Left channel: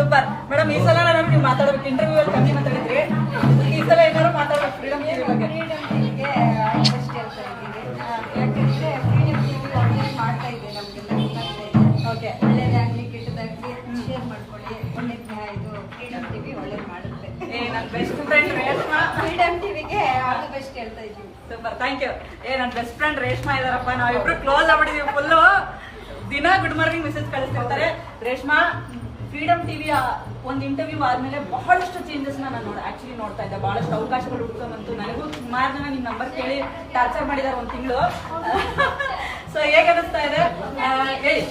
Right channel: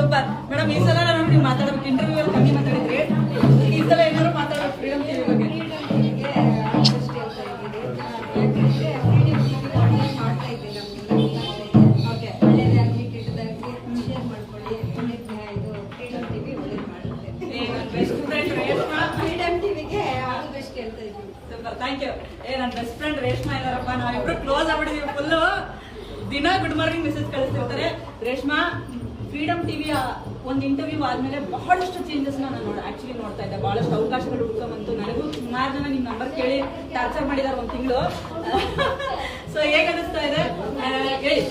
Super madam. ಈ ಸಲ ನೀವು ಮಾತಾಡಬೇಕು, ಇಂಟರ್ವ್ಯೂ ಅಲ್ಲಿ ಕಮ್ಮಿ ಮಾತಾಡಿದ್ರಿ, ಈ ಸಲ ಏನಾದ್ರು ಮಾತಾಡಬೇಕು ಫ್ರೀಡಮ್ ಟಿವಿ ಬಗ್ಗೆ. ಫ್ರೀಡಮ್ ಟಿವಿಗೆ ಆಲ್ಮೋಸ್ಟ್ ಹೇಳ್ತಾ ಇದ್ದೀವಿ. ಯಾಕೆಂದ್ರೆ ಫ್ರೀಡಮ್ ಟಿವಿ ಆನ್ಲೈನ್ ಮಾಡ್ತಾ ಇದೆ ನಮಗೆಲ್ಲ. ಓಕೆ, ಒಳ್ಳೇದಾಗ್ಲಿ ಕೆಟ್ಟದಾಗ್ಲಿ ಶೇರ್ ಮಾಡ್ಕೊಳ್ಳಿ. ಒಳ್ಳೆ ಇದು ಫ್ರೀಡಮ್ ಟಿವಿ ಒಳ್ಳೇದು ಮಾಡುತ್ತೆ. ನನ್ನ ಬೆಸ್ಟ್ ಫ್ರೆಂಡ್ ರೇಷ್ಮಾ. ಫ್ರೀಡಮ್ ಟಿವಿಗೆ ಆಲ್ ಬೆಸ್ಟ್ ಹೇಳ್ತಾ ಇದ್ದೀವಿ. Super, thank you. ನನ್ನ ಬೆಸ್ಟ್ ಫ್ರೆಂಡ್ ರೇಷ್ಮಾ ಇದಾರಪ್ಪ, ನಾವಿಬ್ರು ಕ್ಲೋಸ್ ಆಗ್ಬಿಟ್ಟಿದೀವಿ ಫುಲ್ಲು. ದಿನ ಗುಡ್ ಮಾರ್ನಿಂಗ್ ಮೆಸೇಜ್ ಕಳಿಸ್ತಿರ್ತಾರೆ. ರೇಷ್ಮಾ, ಫ್ರೀಡಮ್ ಟಿವಿಯ ಒಂದು ಇಂಟರ್ವ್ಯೂ ಆದ್ಮೇಲೆ ಬಹಳಷ್ಟು ಚೇಂಜಸ್ ನಾನು ಆಕ್ಚುಲಿ ನೋಡ್ತಾ ಇದ್ದೆ. ಬಹಳಷ್ಟು ಅವಕಾಶಗಳು ಹುಡ್ಕೊಂಡ್ಬಂತು. ನನಗೂ ಸುಮಾರು ಜನ ನಿಮ್ ನಂಬರ್ ಕೇಳಿ ಟಾರ್ಚರ್ ಮಾಡಿದ್ದಾರೆ ಒಂದು ತಿಂಗಳು. ಸೊ ಹೇಗೆ ಅನಿಸ್ತಾ ಇದೆ ಹೇಳಿ.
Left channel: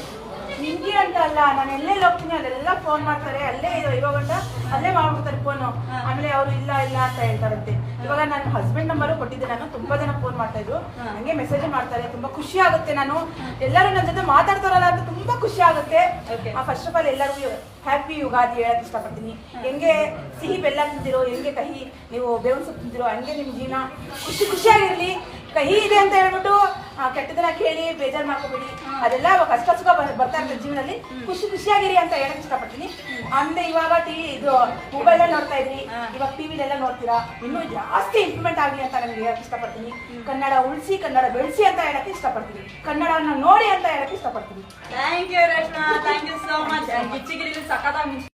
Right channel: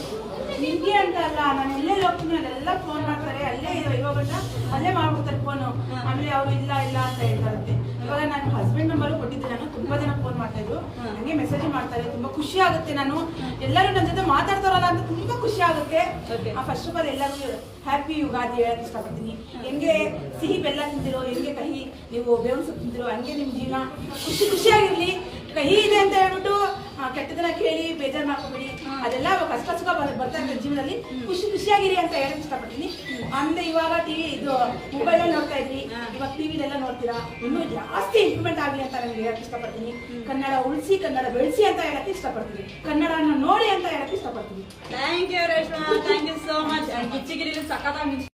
ನಿಮ್ಗೆ ಅಂತ ಅಲ್ಲ, ನಾನು ಎಲ್ಲೇ ಹೋಗ್ತೀನಿ ಅಲ್ಲೆಲ್ಲ ಫೋನ್ ಮಾಡ್ತಾರೆ, ಅಲ್ಲೇ ಇರೋ ಗಂಟ ಅಲ್ಲೇ ಮಾಡ್ಬಿಡ್ತಾರೆ ಫೋನು. ಆಮೇಲೆ ಅವರು ಇಲ್ಲ ಇಲ್ಲ ಅಂತ ಹೇಳ್ತಾರಂತೆ. ಇವಾಗ ನನ್ನ ಹಸ್ಬೆಂಡ್ ನಂಬರ್ ಕೊಟ್ಟಿದ್ದೆ, ನಾನು ತುಂಬಾ ಜನ ಫೋನ್ ಮಾಡ್ತಾ ಇದ್ರು, ಹಂಗೆ ಮೆಸೇಜ್ ಮಾಡ್ತಾರೆ. ತುಂಬಾ ಖುಷಿ ಆಗುತ್ತೆ. ನಾನು ಎಲ್ಲರೂ ನನ್ನ ಜೊತೆ ಮಾತಾಡ್ತಾರಲ್ಲ ಅಂತ ತುಂಬಾ ಖುಷಿ ಆಗುತ್ತೆ. ಫಸ್ಟ್ ಆಫ್ ಆಲ್ ಎಲ್ಲರಿಗೂ ಹ್ಯಾಪಿ ಯುಗಾದಿ ಹೇಳಕ್ ಇಷ್ಟಪಡ್ತೀನಿ. ಹೆಂಗೆ ಸಿಹಿ ಬೆಲ್ಲ ತಿಂದಿರೋ, ಹೆಂಗೆ ಕಹಿ ನೀವು ಬೇವಿನ ಸೊಪ್ಪು ತಿಂದಿರೋ, ಹಂಗೆ ನಿಮ್ ಜೀವನ ಖುಷಿಯಾಗಿರ್ಲಿ. ಕಹಿ ಇದೆ ಅಂತ ಹೇಳ್ಬಿಟ್ಟು ಕೆಟ್ಟದನ್ನ ಕೇಳಿ ಬೇಜಾರ್ ಮಾಡ್ಕೋಬೇಡಿ. ಅದೆಲ್ಲ ಕಷ್ಟ ಸುಖ ಬರ್ತಾ ಇರ್ತದೆ ಜೀವನದಲ್ಲಿ. ಖುಷಿಯಾಗಿರಿ ಅಂತ ಹೇಳಕ್ ಇಷ್ಟಪಡ್ತೀನಿ. ಅಂದ್ರೆ ಇವಾಗ ಟಿವಿ ಇದು ಮೊಬೈಲ್ ನೋಡ್ತಾ ಇದ್ರಿ, ಇವಾಗ ಟಿವಿಲೆಲ್ಲ ನೋಡ್ತೀರಾ. ಇನ್ನೂ ಜಾಸ್ತಿ ಇಂಪ್ರೂವ್ಮೆಂಟ್ ಆಗಲಿ ಅಂತ ನನಗೆ ಹೇಳಕ್ ಇಷ್ಟಪಡ್ತೀನಿ. ಕನ್ನಡ ಉಳಿಸಿ, ಕನ್ನಡ ಬೆಳೆಸಿ ಅಂತ ಹೇಳಕ್ ಇಷ್ಟಪಡ್ತೀನಿ. ಕನ್ನಡನ ನೋಡಿ ಅಂತ ಹೇಳಕ್ ಇಷ್ಟಪಡ್ತೀನಿ. Thank you Reshma, thank you so much. ಗಿಚ್ಚಿಗಿರಿ ಸಖತ್ತಾಗಿ